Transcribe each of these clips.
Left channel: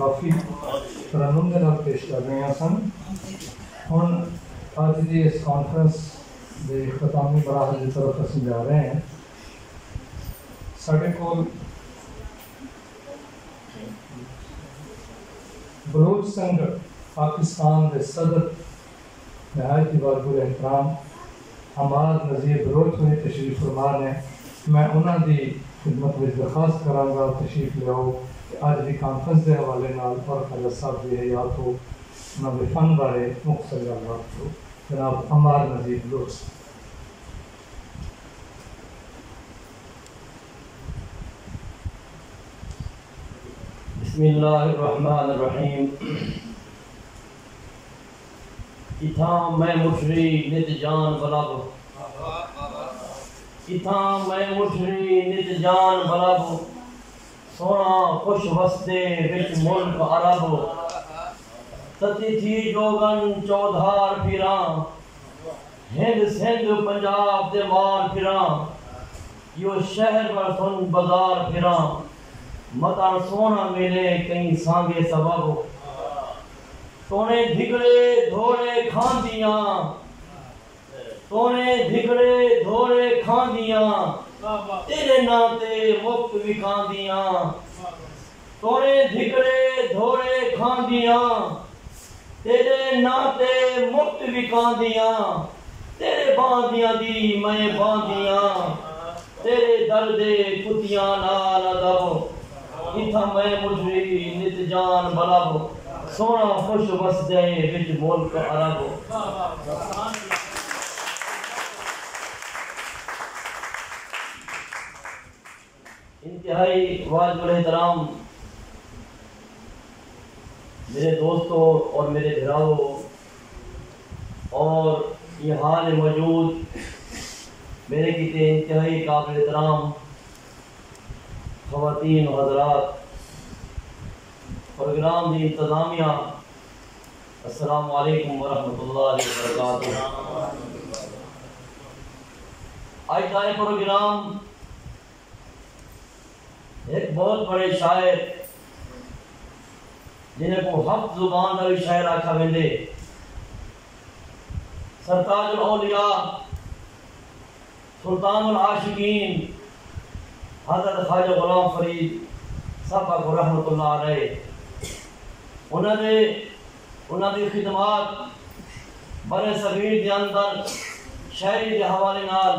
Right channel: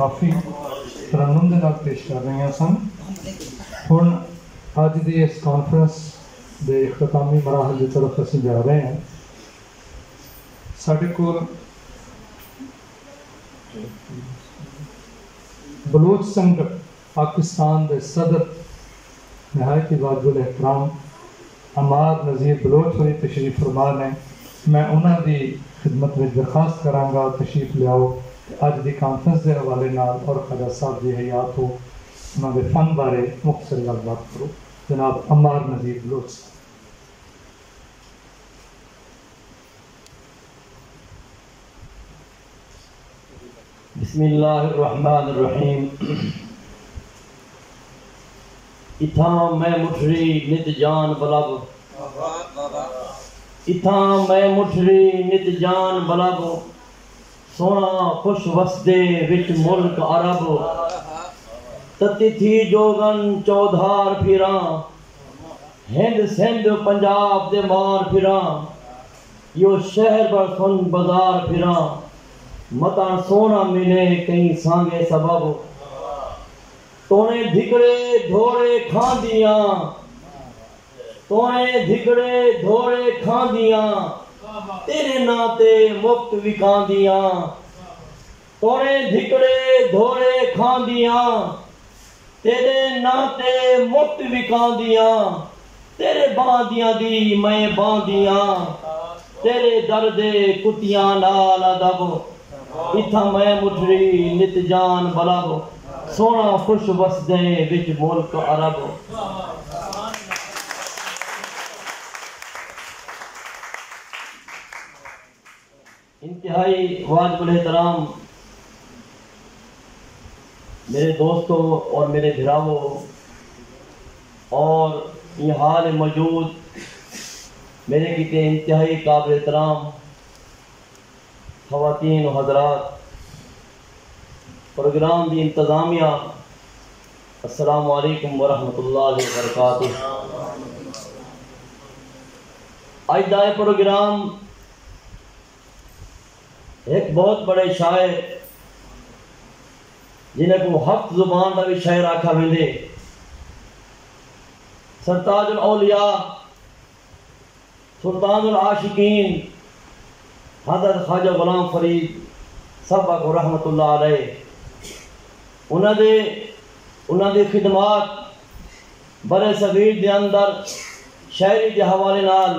काफ़ी तरन्नुम दे नाल पेश कर रहे हैं सन। हुण अज दी इस कॉन्फ्रेंस दे इख्तितामी मराहल की तरफ असीं जा रहे हैं। साडे कोल बलूच संघ पाकिस्तान के सदर नहायत वाजिबुल एहतराम अमार नज़ीर बलोच होनी तशरीफ फरमा ने। मैं उन्होंने खिदमत में दरखास्त करांगा तशरीफ लियाओ अज की कॉन्फ्रेंस के हवाले नाल और ख्वाजा साहब की हयात हो उन्होंने फन बारे मुख्तसर गलबात करो। जनाब अमार नज़ीर बलोच। बिस्मिल्लाहिर्रहमानिर्रहीम। इथां मैं मुठरी नित जान बलब, इथां मैं मुठरी नित जान बलब, सोना खुश वसदे विच मुल्क अरब, तती थी जोगन चौधार फिरा, हिंद सिंध पंजाब दे मार फिरा, यो शहर पर सुन बाजार फिरा, मता सोना मिले कहीं सांगे सबब, तोने धिगड़े धोड़े खांदियां, तोने धिगड़े धोड़े खांदियां, तेरे नाते मुक्त विकांदियां, तोने धिगड़े धोड़े खांदियां, तेरे नाते मुक्त विकांदियां, तेरे बांदियां दी मैं बांदियां, तेरे दर्दे कुतियां नाल अदब, इथा मैं मुठरी नित जान बलब, सोना खुश वसदे विच मुल्क अरब। इंतहाई वाजिबुल एहतराम मेरे दोस्तों और मेरे भिरावों और यहाँ मौजूद मेरे किते इंतहाई काबिल एहतराम ख़वातीन व हज़रात, प्रोग्राम की इंतज़ामिया, अस्सलामु अलैकुम व रहमतुल्लाहि व बरकातुहू। आज का प्रोग्राम एक बहुत बड़े शायर जिन्हें को हफ्त जुबान का भी शायर आखा वेंदे, सरताजुल औलिया सुल्तानुल आशिकीन हज़रत ख्वाजा गुलाम फरीद साहब रहमतुल्लाह अलैह, उन्होंने खिदमात बड़े सगीर के अंदर शायरी के हवाले नाल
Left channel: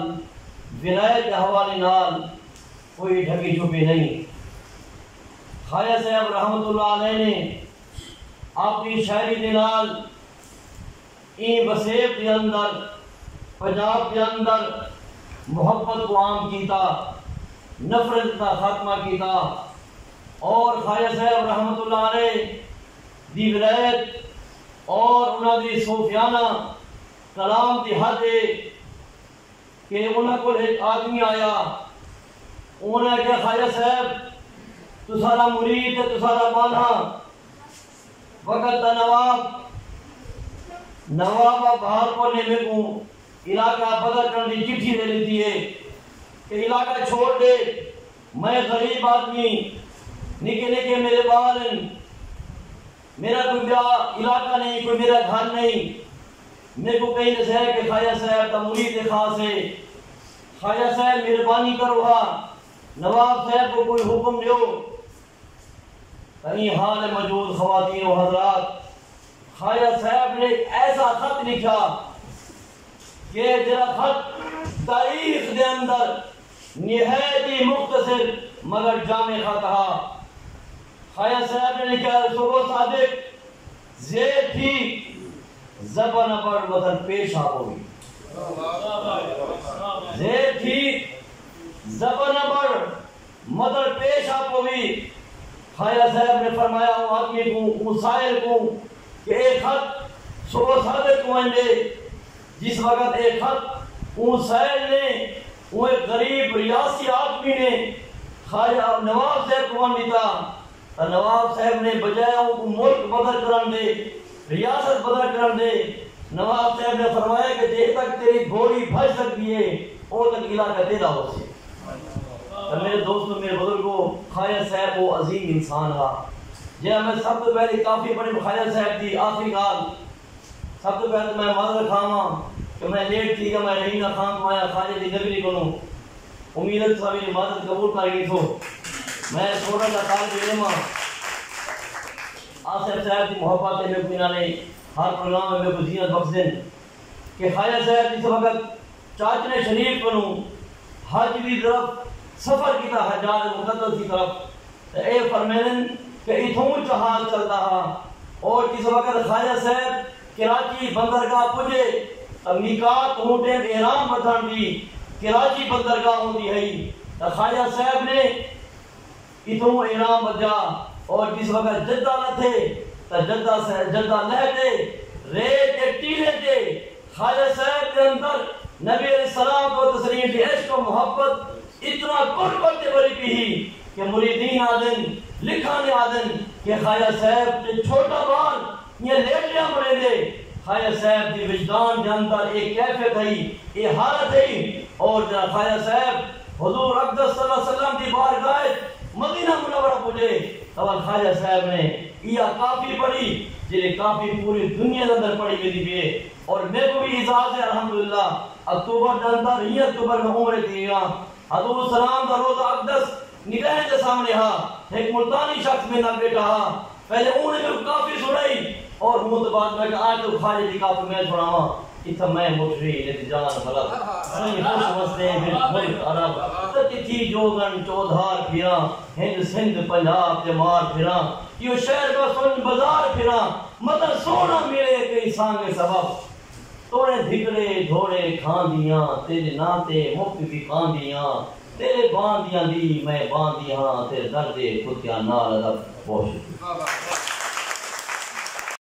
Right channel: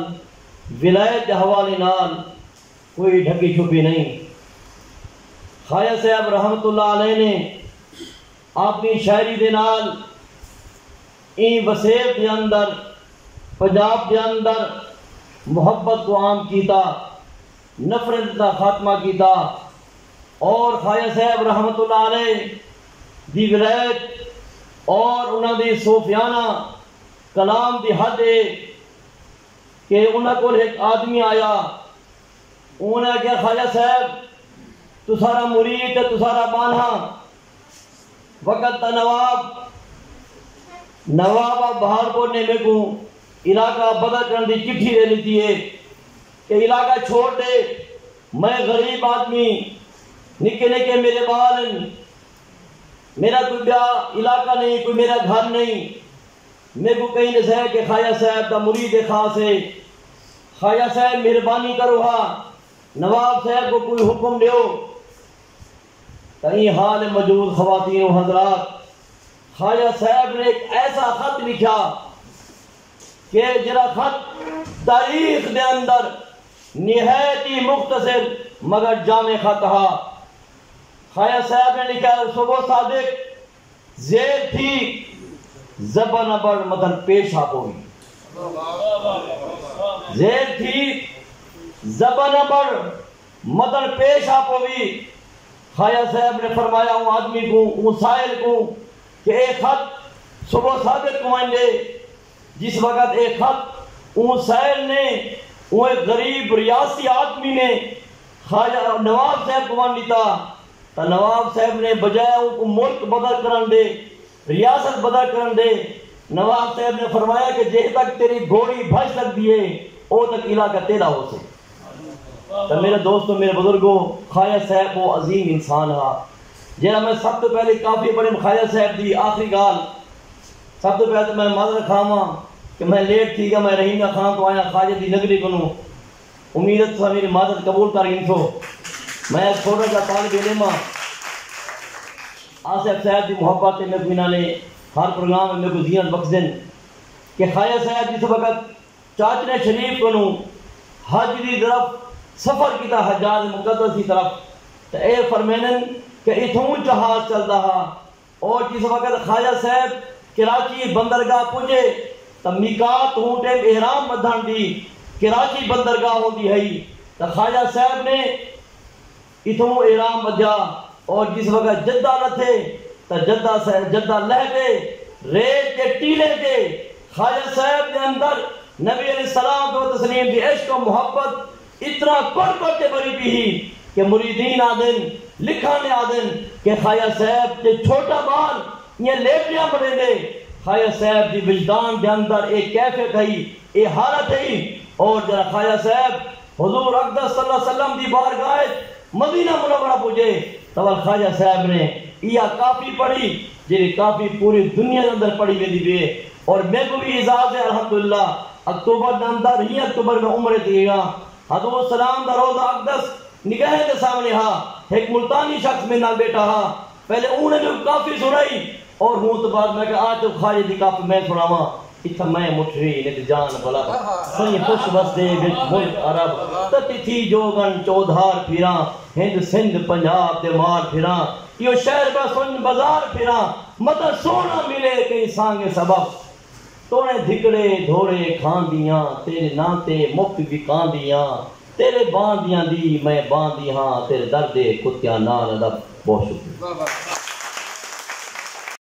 विलायत के हवाले नाल कोई ढकी छुपी नहीं। ख्वाजा साहब रहमतुल्लाह अलैह ने अपनी शायरी के नाल इन वसेब के अंदर पंजाब के अंदर मुहब्बत को आम किया, नफरत का खात्मा किया और ख्वाजा साहब रहमतुल्लाह अलैह दी विलायत और उन्होंने सूफियाना कलाम की हद है कि उन्होंने को एक आदमी आया, उन्होंने क्या ख्वाजा साहब तुसारा मुरीद है तुसारा बाना वक़्त नवाब बाहर को ने मेरे को इलाका बदल करने की चिट्ठी दे दी है कि इलाका छोड़ दे, मैं गरीब आदमी, निके निके मेरे बाल, मेरा कोई ब्याह इलाका नहीं, कोई मेरा घर नहीं, मेरे को कहीं न है कि ख्वाजा साहब का मुरीद खास है, ख्वाजा साहब मेहरबानी करो, नवाब साहब को कोई हुक्म दो। कहीं हाल मौजूद ख़वातीन व हज़रात, ख्वाजा साहब ने एक ऐसा खत लिखा कि जरा खत तारीख के अंदर निहायत ही मुख्तसर मगर जामे खत हा। ख्वाजा साहब ने लिखा सुबह सादिक ज़ेर थी ज़बान पर मदन पेश होगी, ज़ेर थी ज़बान पर मदन पेश होगी। ख्वाजा साहब ने फरमाया हूँ आदमी को मुसाइल को कि एक खत सुबह सादिक को आएंगे, जिस वक़्त एक खत मुसाइल ने वो एक गरीब रियासी आदमी ने ख्वाजा नवाब साहब को दिता, तो नवाब साहब ने बजाय उनको मुल्क बदल कर दे, रियासत बदल कर दे। नवाब साहब ने फरमाया कि जे तक तेरी घोड़ी भज सकती है वो तक इलाका तेरा हो से। तो मेरे दोस्तों मेरे बुजुर्गों, ख्वाजा साहब वो अजीम इंसान हा, جہاں میں سب تو پہلے کافی بڑے خواجہ صاحب دی آخری گال سب تو پہلے میں معذرت کھاواں کہ میں لیٹ تھی گا میں رحیم خان تو آیا خواجہ دی نگری کو امید ہے تو میری معذرت قبول کر گئی تو میں چھوٹا سا طالب علم آصف صاحب دی محبت میں کوئی نہ لے ہر پروگرام میں کو زینت بخش دیں کہ خواجہ صاحب جس وقت چاچنے شریف کو حج دی طرف سفر کیتا حجاج مقدس کی طرف تو اے فرمینن کہ اتھوں جہاز چل رہا اور جس وقت خواجہ صاحب کراچی بندرگاہ پہنچے تو میقات ہوں ٹیم احرام بدھن دی کراچی بندرگاہ ہوتی ہے تو خواجہ صاحب نے اتھوں احرام بدھا اور جس وقت جدہ لتھے تو جدہ لہتے ریت کے ٹیلے کے خواجہ صاحب کے اندر نبی علیہ السلام و تسلیم کی عشق و محبت اتنا کرتے بری بھی کہ مریدین آدن لکھانے آدن کہ خواجہ صاحب کے چھوٹا بال یہ لیٹ لیا مڑے دے خواجہ صاحب دی وجدان کے اندر ایک کیفیت ہے ایک حالت ہے اور جرا خواجہ صاحب حضور اقدس صلی اللہ علیہ وسلم دی بارگاہ مدینہ منورہ پہنچے تو خواجہ صاحب نے یہ کافی پڑھی جی کافی پوری دنیا کے اندر پڑھی گئی بھی اور میں کو بھی اجازت ہے الحمدللہ اکتوبر کے اندر ہی اکتوبر میں عمرے دی گا حضور سلام دا روزہ اقدس نگاہ کے سامنے ہا ایک ملتانی شخص میں نہ بیٹا ہا پہلے انہیں جو کافی سنائی اور ہوں تو بعد میں کہ آج تو خواجہ دی کافی میں سناواں اتھا میں مٹھری نیت جان بلد سنی خوش وستے بل ملک عرب تتی تھی جوگن چودھار پھیراں ہند سندھ پنجاب دے مار پھیراں یہ شہر کا سن بازار پھیراں مدر سونا ملے کئی سانگے سبب توڑے دھکڑے دھوڑے کھان دیاں تیرے ناتے مفت بھی کان دیاں تیرے باندیاں دی میں باندی ہاں تیرے درد کتیاں نال ادب بہت شکریہ